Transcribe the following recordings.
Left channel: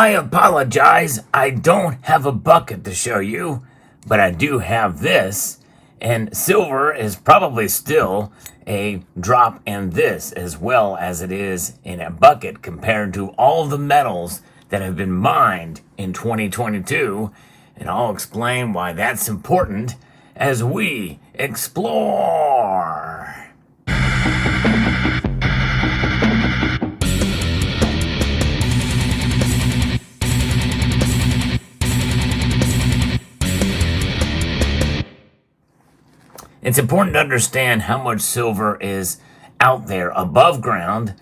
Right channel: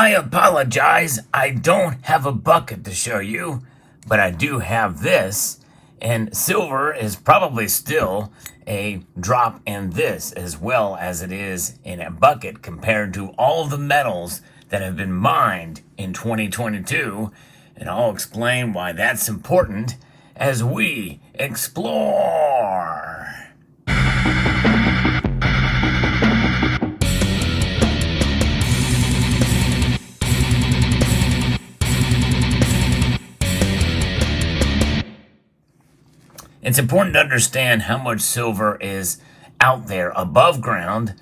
I apologize, I don't have a bucket to show you, but I do have this, and silver is probably still a drop in this as well as it is in a bucket compared to all the metals that have been mined in 2022, and I'll explain why that's important as we explore. It's important to understand how much silver is out there above ground.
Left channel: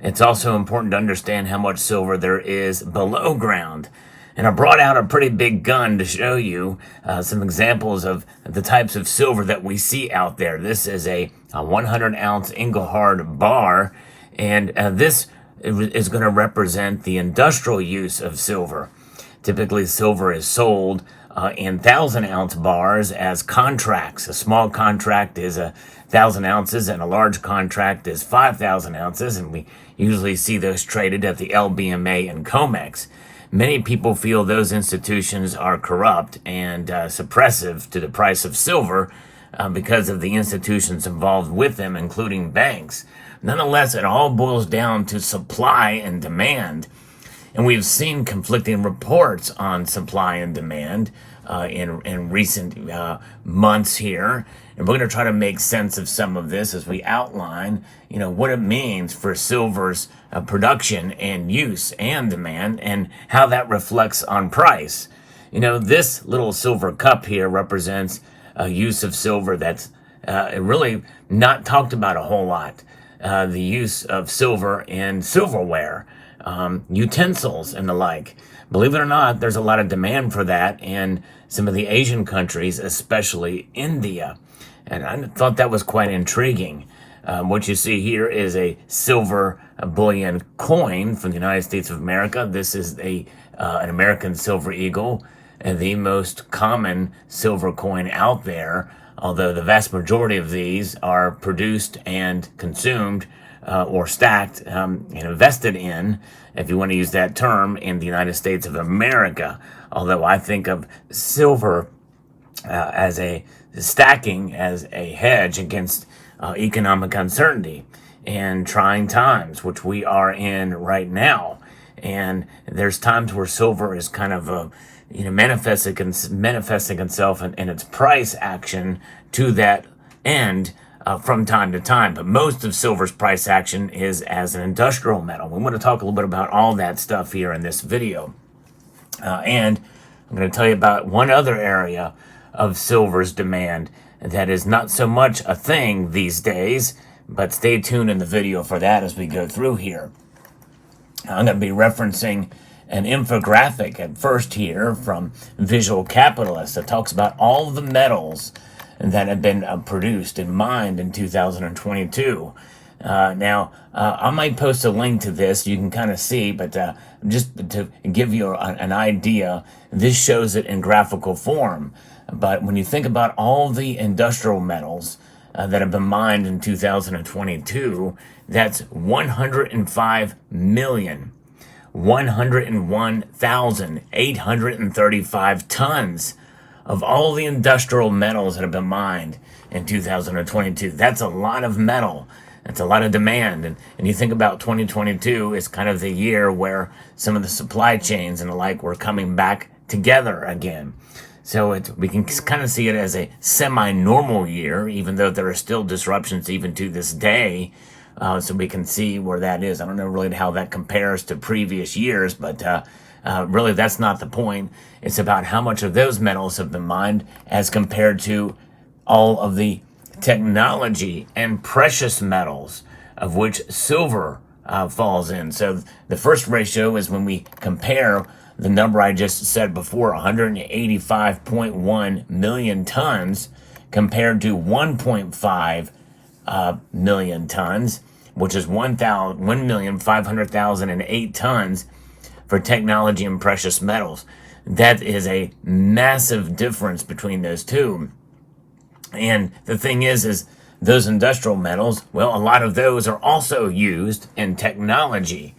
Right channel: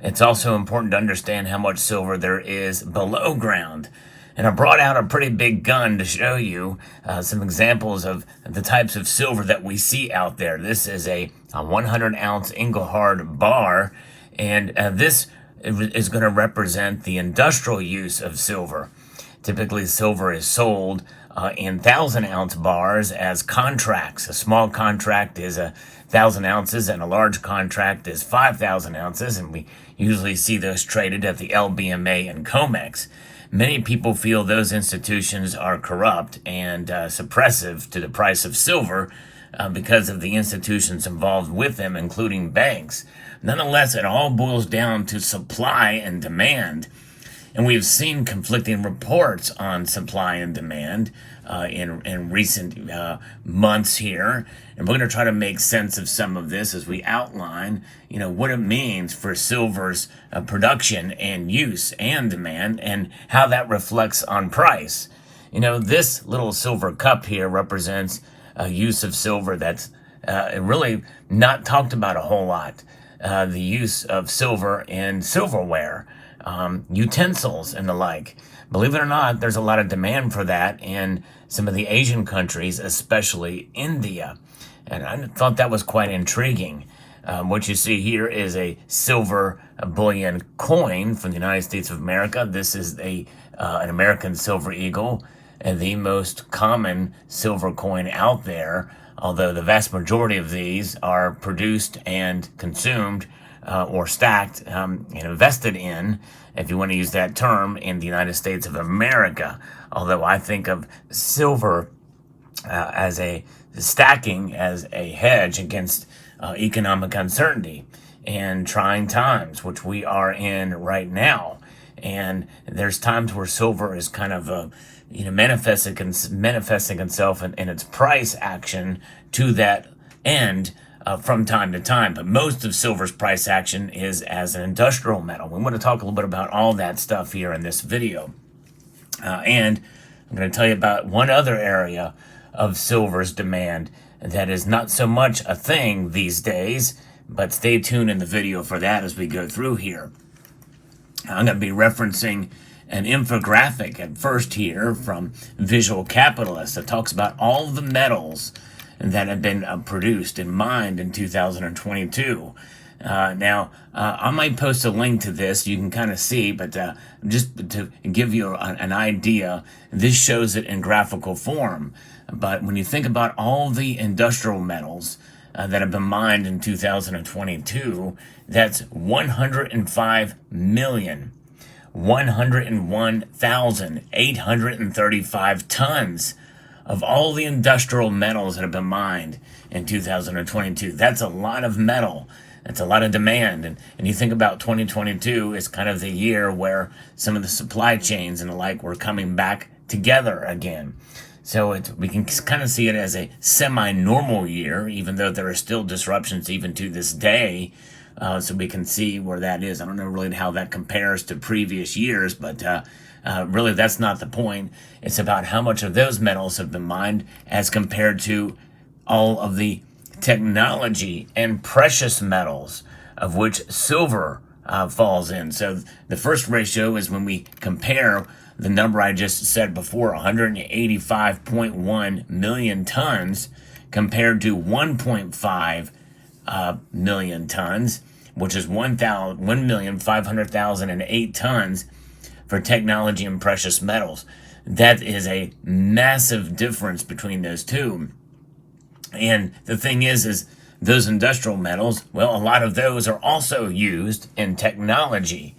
It's also important to understand how much silver there is below ground. And I brought out a pretty big gun to show you some examples of the types of silver that we see out there. This is a 100-ounce Engelhard bar, and this is going to represent the industrial use of silver. Typically, silver is sold in 1,000-ounce bars as contracts. A small contract is 1,000 ounces and a large contract is 5,000 ounces, and we usually see those traded at the LBMA and COMEX. Many people feel those institutions are corrupt and suppressive to the price of silver because of the institutions involved with them, including banks. Nonetheless, it all boils down to supply and demand. And we've seen conflicting reports on supply and demand in recent months here. And we're going to try to make sense of some of this as we outline, what it means for silver's production and use and demand and how that reflects on price. This little silver cup here represents a use of silver that's really not talked about a whole lot. The use of silver in silverware. Utensils and the like. Believe it or not, there's a lot of demand for that in some of the Asian countries, especially India. And I thought that was quite intriguing. What you see here is a silver bullion coin from the United States of America. This is an American silver eagle, and the most common silver coin out there, although the vast majority of these are produced and consumed or stacked and invested in, if you want to use that term, in the United States of America. Although I think of silver as a stacking as a hedge against economic uncertainty and trying times, which we are in right now. And there's times where silver is kind of manifesting itself in its price action to that end from time to time. But most of silver's price action is as an industrial metal. We want to talk a little bit about all that stuff here in this video. And I'm going to tell you about one other area of silver's demand that is not so much a thing these days, but stay tuned in the video for that as we go through here. I'm going to be referencing an infographic at first here from Visual Capitalist that talks about all the metals that have been produced and mined in 2022. Now, I might post a link to this, you can kind of see, but just to give you an idea, this shows it in graphical form. But when you think about all the industrial metals that have been mined in 2022, that's 105,101,835 tons of all the industrial metals that have been mined in 2022. That's a lot of metal. That's a lot of demand. And you think about 2022 is kind of the year where some of the supply chains and the like were coming back together again. So we can kind of see it as a semi-normal year, even though there are still disruptions even to this day. So we can see where that is. I don't know really how that compares to previous years, but really that's not the point. It's about how much of those metals have been mined as compared to all of the technology and precious metals, of which silver falls in. So the first ratio is when we compare the number I just said before, 185.1 million tons compared to 1.5 million tons, which is 1,500,008 tons for technology and precious metals. That is a massive difference between those two. And the thing is those industrial metals, well, a lot of those are also used in technology.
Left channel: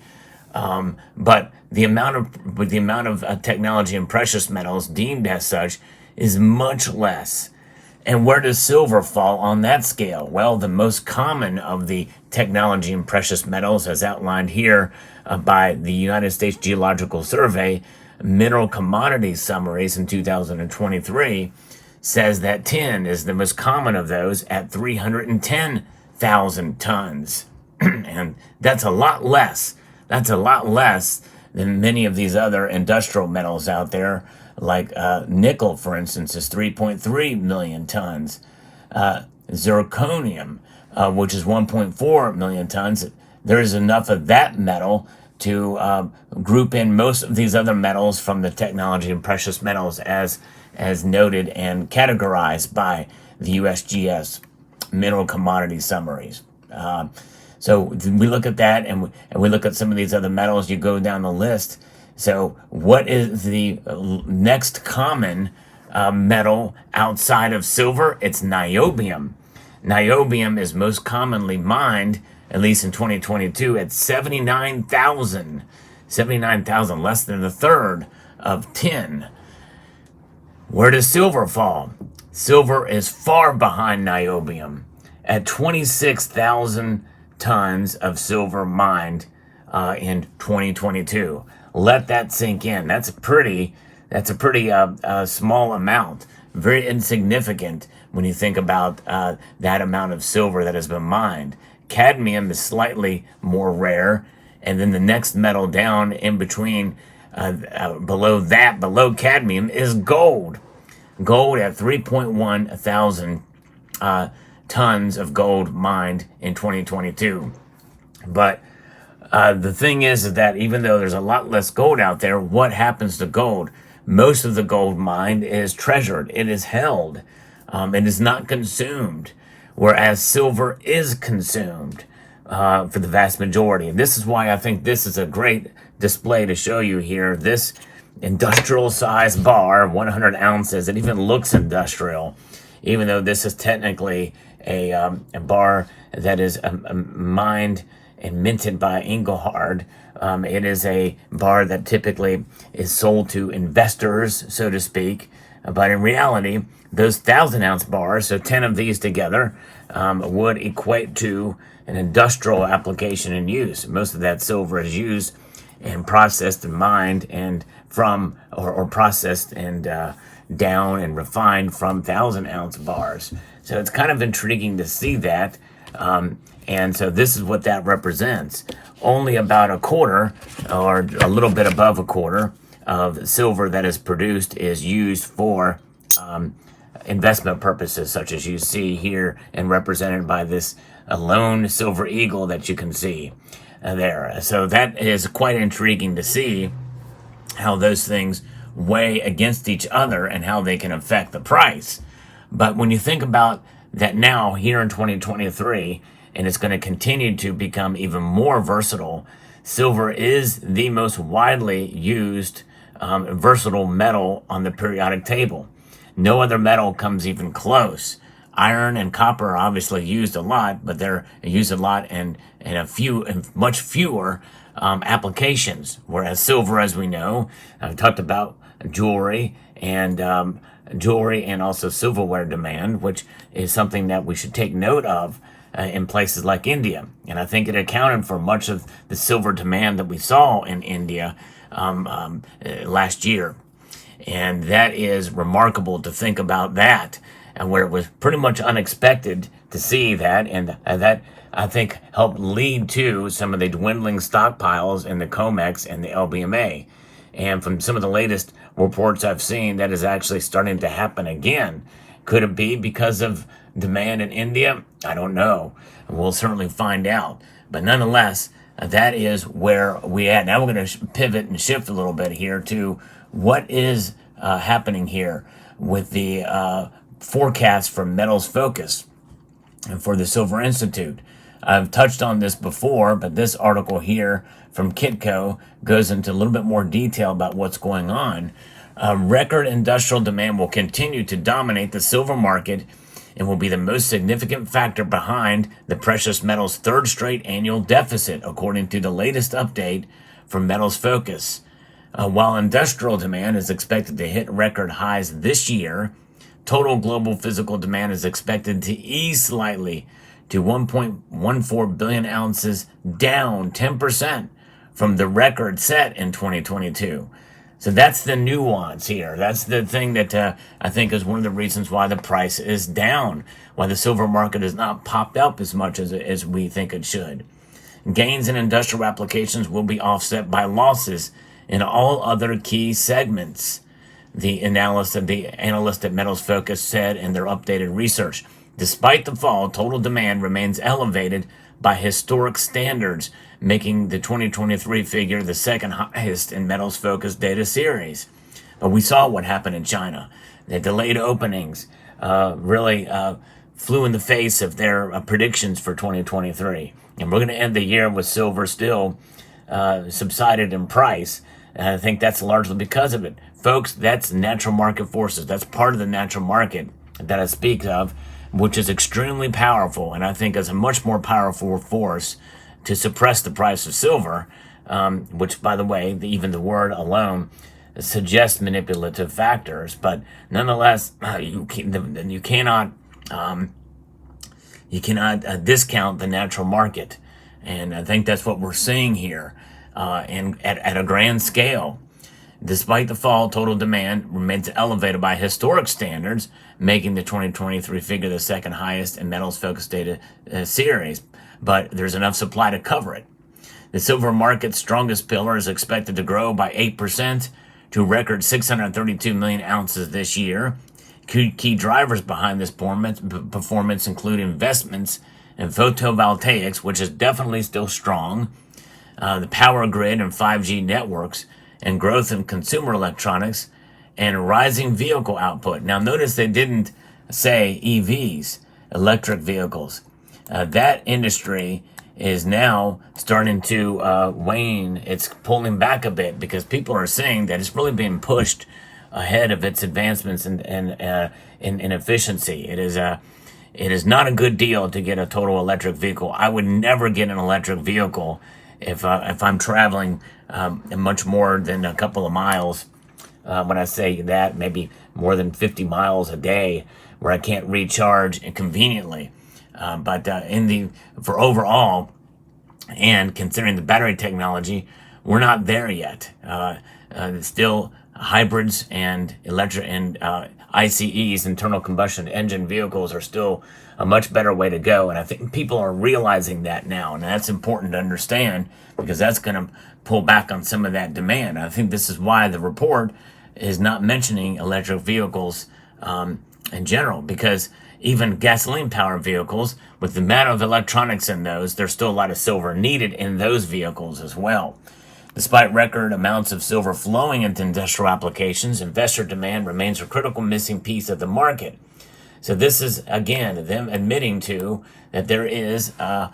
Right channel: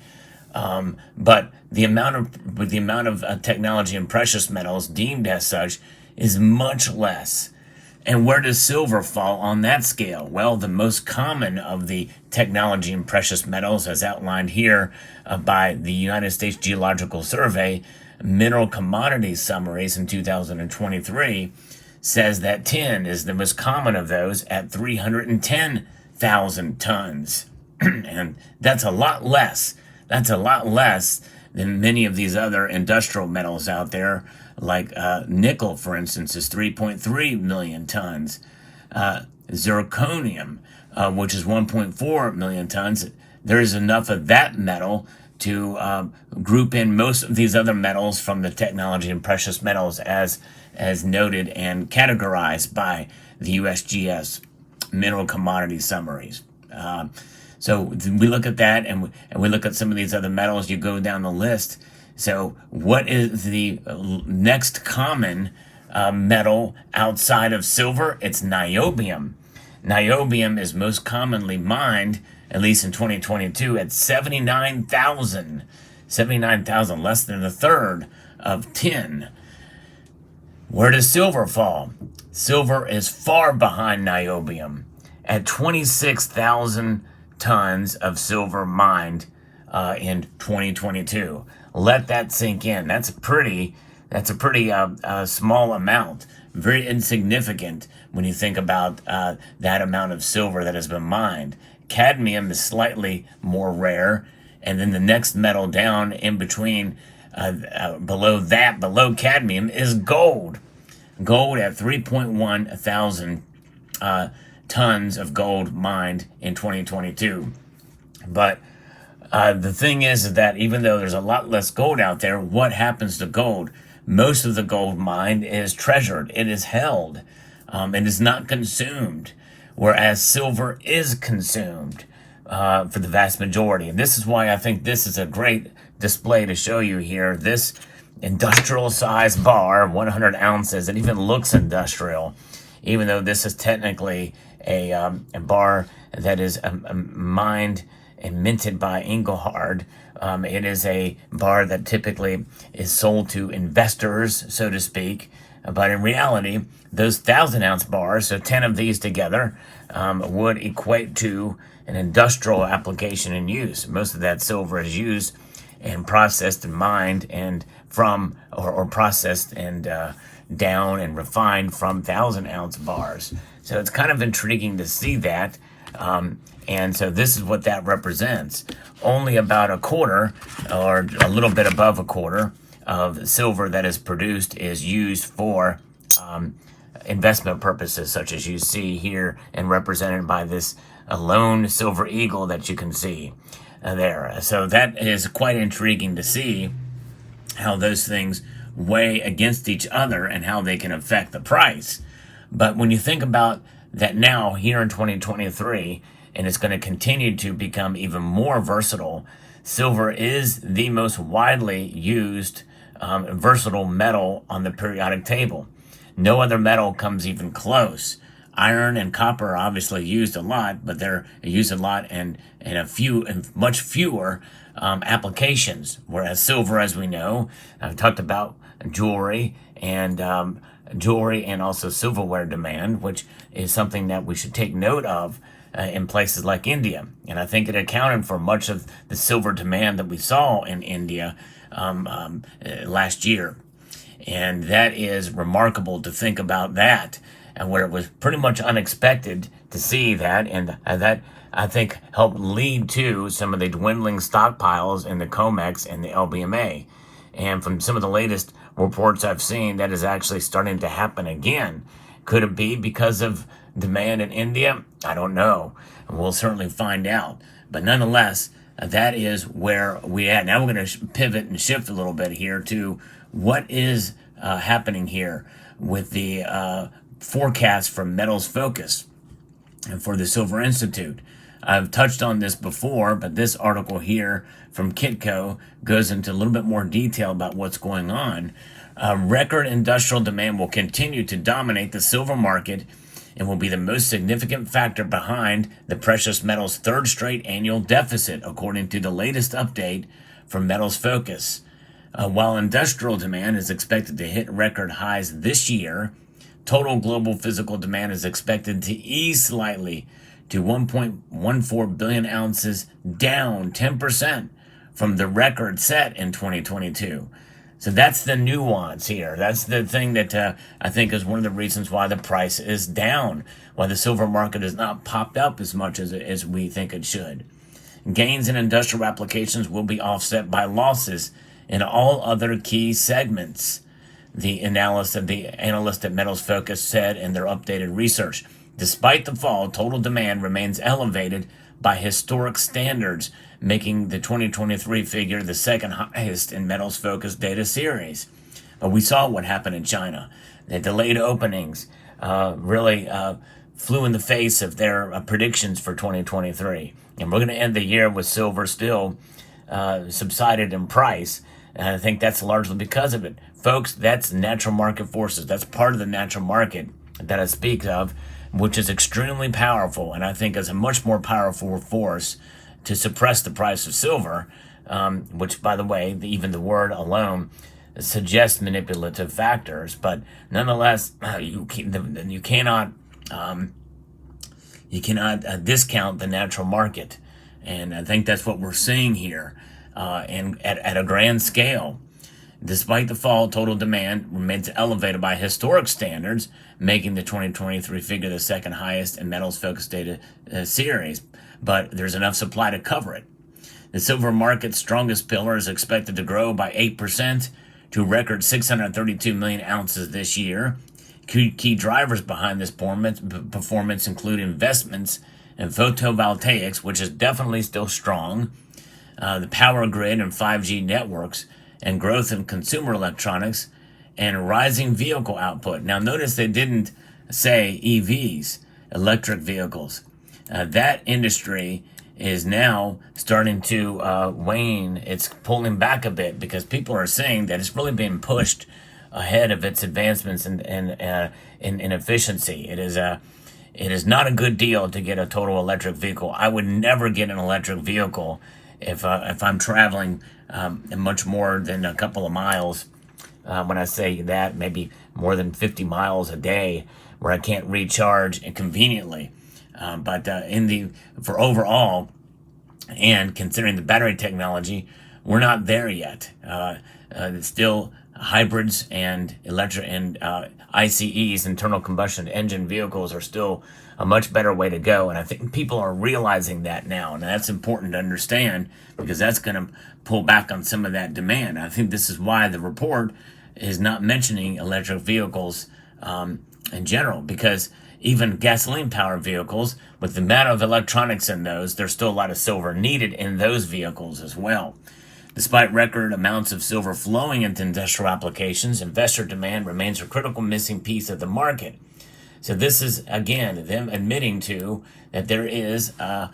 But the amount of technology and precious metals deemed as such is much less. And where does silver fall on that scale? Well, the most common of the technology and precious metals, as outlined here by the United States Geological Survey, Mineral Commodity Summaries in 2023, says that tin is the most common of those at 310,000 tons. And that's a lot less. That's a lot less than many of these other industrial metals out there, like nickel, for instance, is 3.3 million tons. Zirconium, which is 1.4 million tons. There is enough of that metal to group in most of these other metals from the technology and precious metals as noted and categorized by the USGS Mineral Commodity Summaries. So we look at that, and we look at some of these other metals. You go down the list. So what is the next common metal outside of silver? It's niobium. Niobium is most commonly mined, at least in 2022, at 79,000. 79,000, less than a third of tin. Where does silver fall? Silver is far behind niobium at 26,000 tons of silver mined in 2022. Let that sink in. That's a pretty small amount. Very insignificant when you think about that amount of silver that has been mined. Cadmium is slightly more rare, and then the next metal down in between, below cadmium, is gold. Gold at 3.1 thousand tons of gold mined in 2022. But the thing is that even though there's a lot less gold out there, what happens to gold? Most of the gold mined is treasured. It is held. It is not consumed, whereas silver is consumed for the vast majority. And this is why I think this is a great display to show you here. This industrial size bar, 100 ounces, it even looks industrial, even though this is technically a bar that is mined and minted by Engelhard. It is a bar that typically is sold to investors, so to speak. But in reality, those 1,000-ounce bars, so 10 of these together, would equate to an industrial application and use. Most of that silver is used and processed and mined and from, or processed and down and refined from 1,000-ounce bars. So it's kind of intriguing to see that. And so this is what that represents. Only about a quarter, or a little bit above a quarter, of silver that is produced is used for investment purposes, such as you see here and represented by this lone silver eagle that you can see there. So that is quite intriguing to see how those things weigh against each other and how they can affect the price. But when you think about that now, here in 2023, and it's going to continue to become even more versatile, silver is the most widely used versatile metal on the periodic table. No other metal comes even close. Iron and copper are obviously used a lot, but they're used a lot in much fewer applications. Whereas silver, as we know, I've talked about jewelry and also silverware demand, which is something that we should take note of in places like India. And I think it accounted for much of the silver demand that we saw in India last year. And that is remarkable to think about that, and where it was pretty much unexpected to see that, and that I think helped lead to some of the dwindling stockpiles in the COMEX and the LBMA. And from some of the latest reports I've seen, that is actually starting to happen again. Could it be because of demand in India? I don't know. We'll certainly find out. But nonetheless, that is where we at. Now we're going to pivot and shift a little bit here to what is happening here with the forecast from Metals Focus and for the Silver Institute. I've touched on this before, but this article here from Kitco goes into a little bit more detail about what's going on. Record industrial demand will continue to dominate the silver market and will be the most significant factor behind the precious metals' third straight annual deficit, according to the latest update from Metals Focus. While industrial demand is expected to hit record highs this year, total global physical demand is expected to ease slightly to 1.14 billion ounces, down 10% from the record set in 2022. So that's the nuance here. That's the thing that I think is one of the reasons why the price is down, why the silver market has not popped up as much as we think it should. Gains in industrial applications will be offset by losses in all other key segments, the analyst at Metals Focus said in their updated research. Despite the fall, total demand remains elevated by historic standards, making the 2023 figure the second highest in Metals Focus data series. But we saw what happened in China. The delayed openings really flew in the face of their predictions for 2023. And we're going to end the year with silver still subsided in price. And I think that's largely because of it. Folks, that's natural market forces. That's part of the natural market that I speak of, which is extremely powerful. And I think is a much more powerful force to suppress the price of silver, which, by the way, even the word alone suggests manipulative factors. But nonetheless, you cannot discount the natural market. And I think that's what we're seeing here. And at a grand scale, despite the fall, total demand remains elevated by historic standards, making the 2023 figure the second highest in Metals Focus data series. But there's enough supply to cover it. The silver market's strongest pillar is expected to grow by 8% to record 632 million ounces this year. Key drivers behind this performance include investments in photovoltaics, which is definitely still strong, the power grid and 5G networks, and growth in consumer electronics and rising vehicle output. Now, notice they didn't say EVs, electric vehicles. That industry is now starting to wane. It's pulling back a bit because people are saying that it's really being pushed ahead of its advancements in efficiency. It is not a good deal to get a total electric vehicle. I would never get an electric vehicle if I'm traveling much more than a couple of miles. When I say that, maybe more than 50 miles a day where I can't recharge conveniently. But for overall, and considering the battery technology, we're not there yet. Still, hybrids and electric and ICEs, internal combustion engine vehicles, are still a much better way to go. And I think people are realizing that now, and that's important to understand because that's going to pull back on some of that demand. I think this is why the report is not mentioning electric vehicles in general, because even gasoline-powered vehicles, with the amount of electronics in those, there's still a lot of silver needed in those vehicles as well. Despite record amounts of silver flowing into industrial applications, investor demand remains a critical missing piece of the market. So this is, again, them admitting to that there is a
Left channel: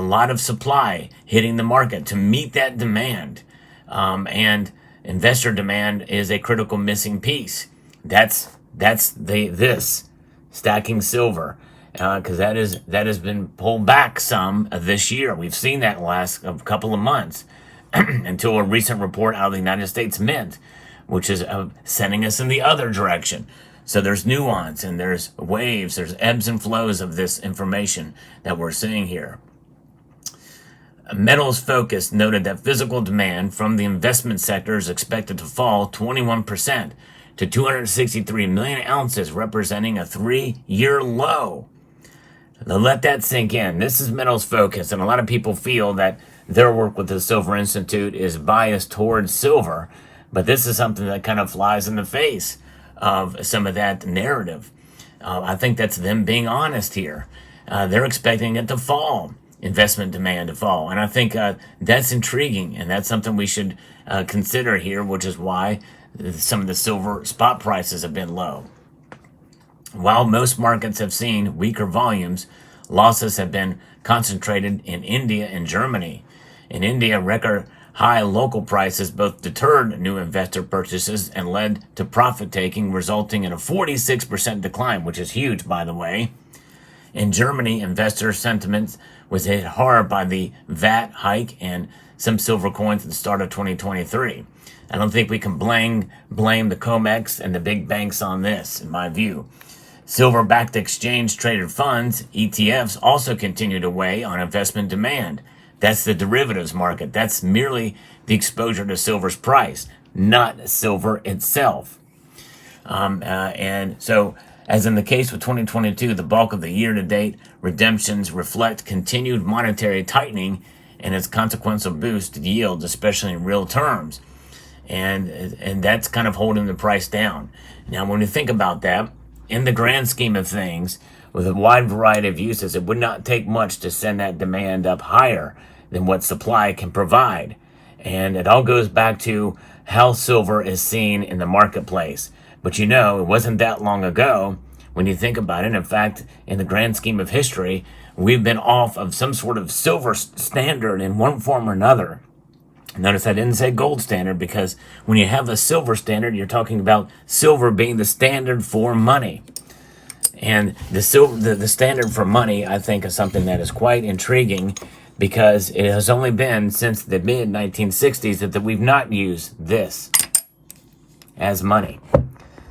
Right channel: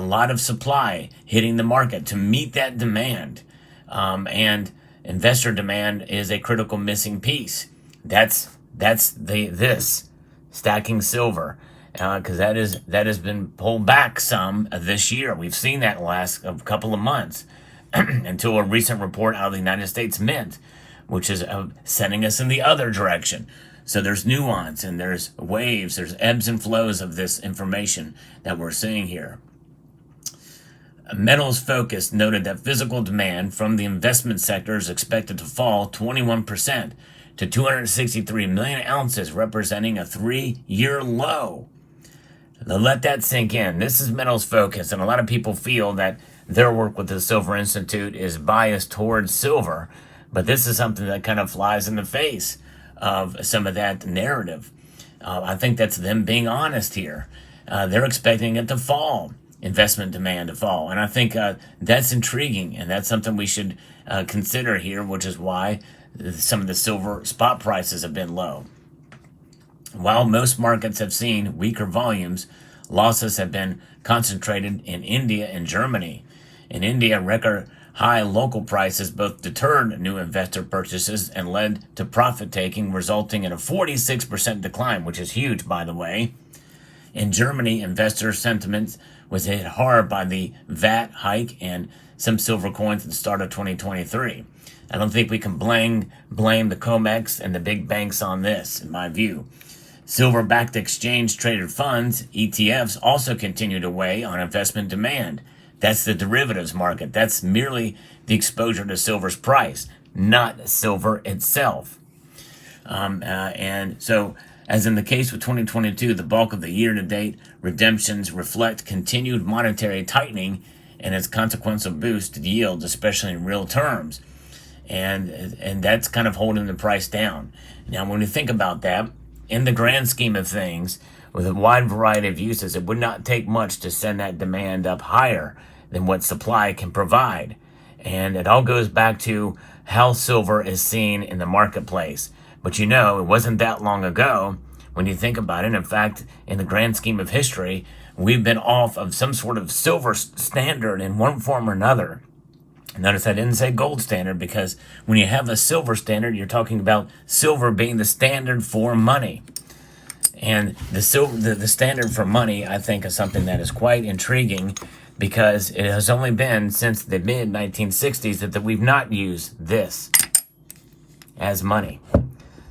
lot of supply hitting the market to meet that demand. And investor demand is a critical missing piece. That's this stacking silver, because that has been pulled back some this year. We've seen that last couple of months until a recent report out of the United States Mint, which is sending us in the other direction. So there's nuance and there's waves, there's ebbs and flows of this information that we're seeing here. Metals Focus noted that physical demand from the investment sector is expected to fall 21% to 263 million ounces, representing a 3-year low. Now let that sink in. This is Metals Focus, and a lot of people feel that their work with the Silver Institute is biased towards silver, but this is something that kind of flies in the face of some of that narrative. I think that's them being honest here. They're expecting it to fall, investment demand to fall, and I think that's intriguing, and that's something we should consider here, which is why some of the silver spot prices have been low. While most markets have seen weaker volumes, losses have been concentrated in India and Germany. In India, record high local prices both deterred new investor purchases and led to profit taking, resulting in a 46% decline, which is huge, by the way. In Germany, investor sentiment was hit hard by the VAT hike and some silver coins at the start of 2023. I don't think we can blame the COMEX and the big banks on this, in my view. Silver-backed exchange-traded funds, ETFs, also continue to weigh on investment demand. That's the derivatives market. That's merely the exposure to silver's price, not silver itself. And so, as in the case with 2022, the bulk of the year-to-date redemptions reflect continued monetary tightening and its consequential boost to yields, especially in real terms. And that's kind of holding the price down. Now, when you think about that, in the grand scheme of things, with a wide variety of uses, it would not take much to send that demand up higher than what supply can provide. And it all goes back to how silver is seen in the marketplace. But it wasn't that long ago when you think about it. In fact, in the grand scheme of history, we've been off of some sort of silver standard in one form or another. Notice I didn't say gold standard, because when you have a silver standard, you're talking about silver being the standard for money. And the standard for money, I think, is something that is quite intriguing, because it has only been since the mid-1960s that we've not used this as money.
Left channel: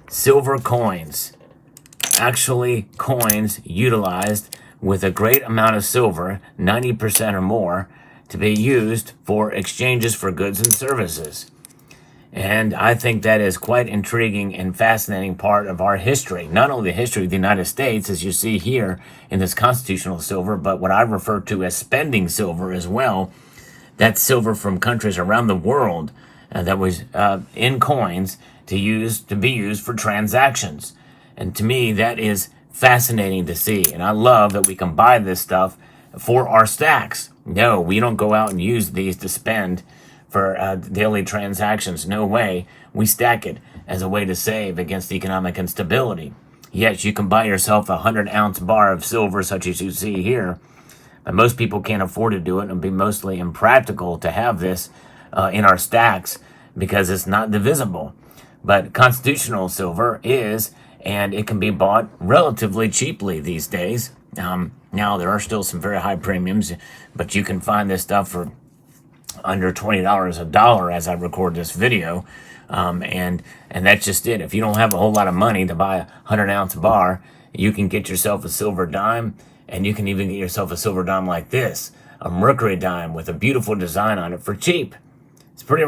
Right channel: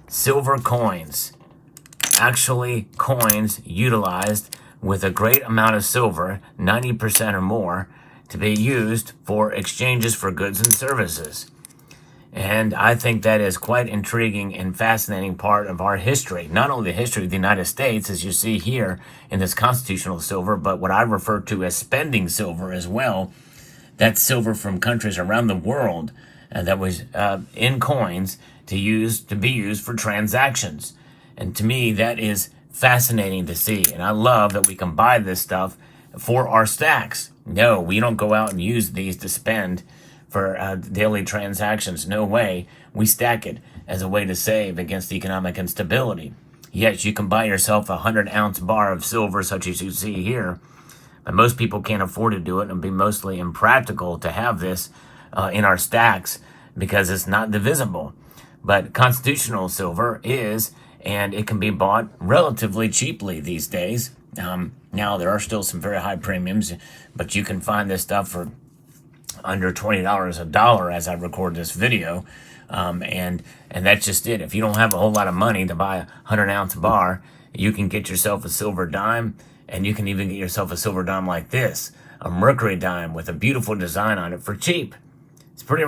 Silver coins, actually coins utilized with a great amount of silver, 90% or more, to be used for exchanges for goods and services. And I think that is quite intriguing and fascinating part of our history. Not only the history of the United States, as you see here in this constitutional silver, but what I refer to as spending silver as well. That's silver from countries around the world that was in coins to be used for transactions. And to me, that is fascinating to see. And I love that we can buy this stuff for our stacks. No, we don't go out and use these to spend for daily transactions. No way. We stack it as a way to save against economic instability. Yes, you can buy yourself a 100-ounce bar of silver, such as you see here, but most people can't afford to do it, and it'd be mostly impractical to have this in our stacks because it's not divisible. But constitutional silver is, and it can be bought relatively cheaply these days. Now, there are still some very high premiums, but you can find this stuff for under $20 a dollar as I record this video. And that's just it. If you don't have a whole lot of money to buy a 100-ounce bar, you can get yourself a silver dime, and you can even get yourself a silver dime like this, a mercury dime with a beautiful design on it for cheap. It's pretty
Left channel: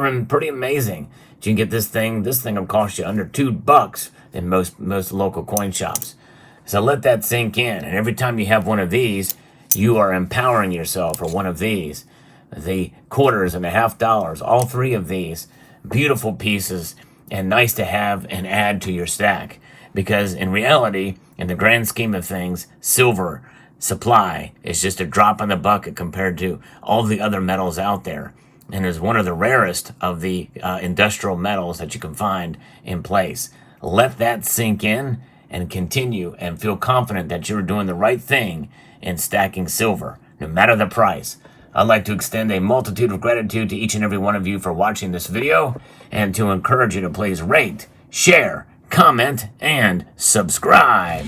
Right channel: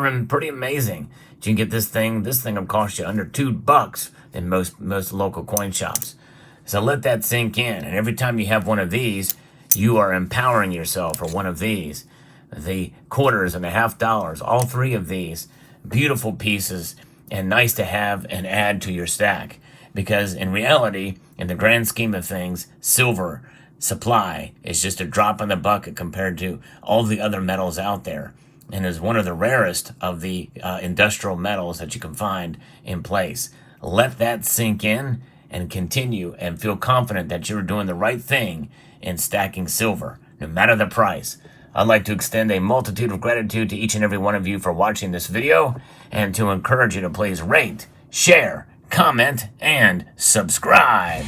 amazing. You can get this thing. This thing will cost you under $2 in most local coin shops. So let that sink in. And every time you have one of these, you are empowering yourself for one of these. The quarters and the half dollars, all three of these, beautiful pieces and nice to have and add to your stack. Because in reality, in the grand scheme of things, silver supply is just a drop in the bucket compared to all the other metals out there, and is one of the rarest of the industrial metals that you can find in place. Let that sink in and continue and feel confident that you're doing the right thing in stacking silver, no matter the price. I'd like to extend a multitude of gratitude to each and every one of you for watching this video, and to encourage you to please rate, share, comment, and subscribe.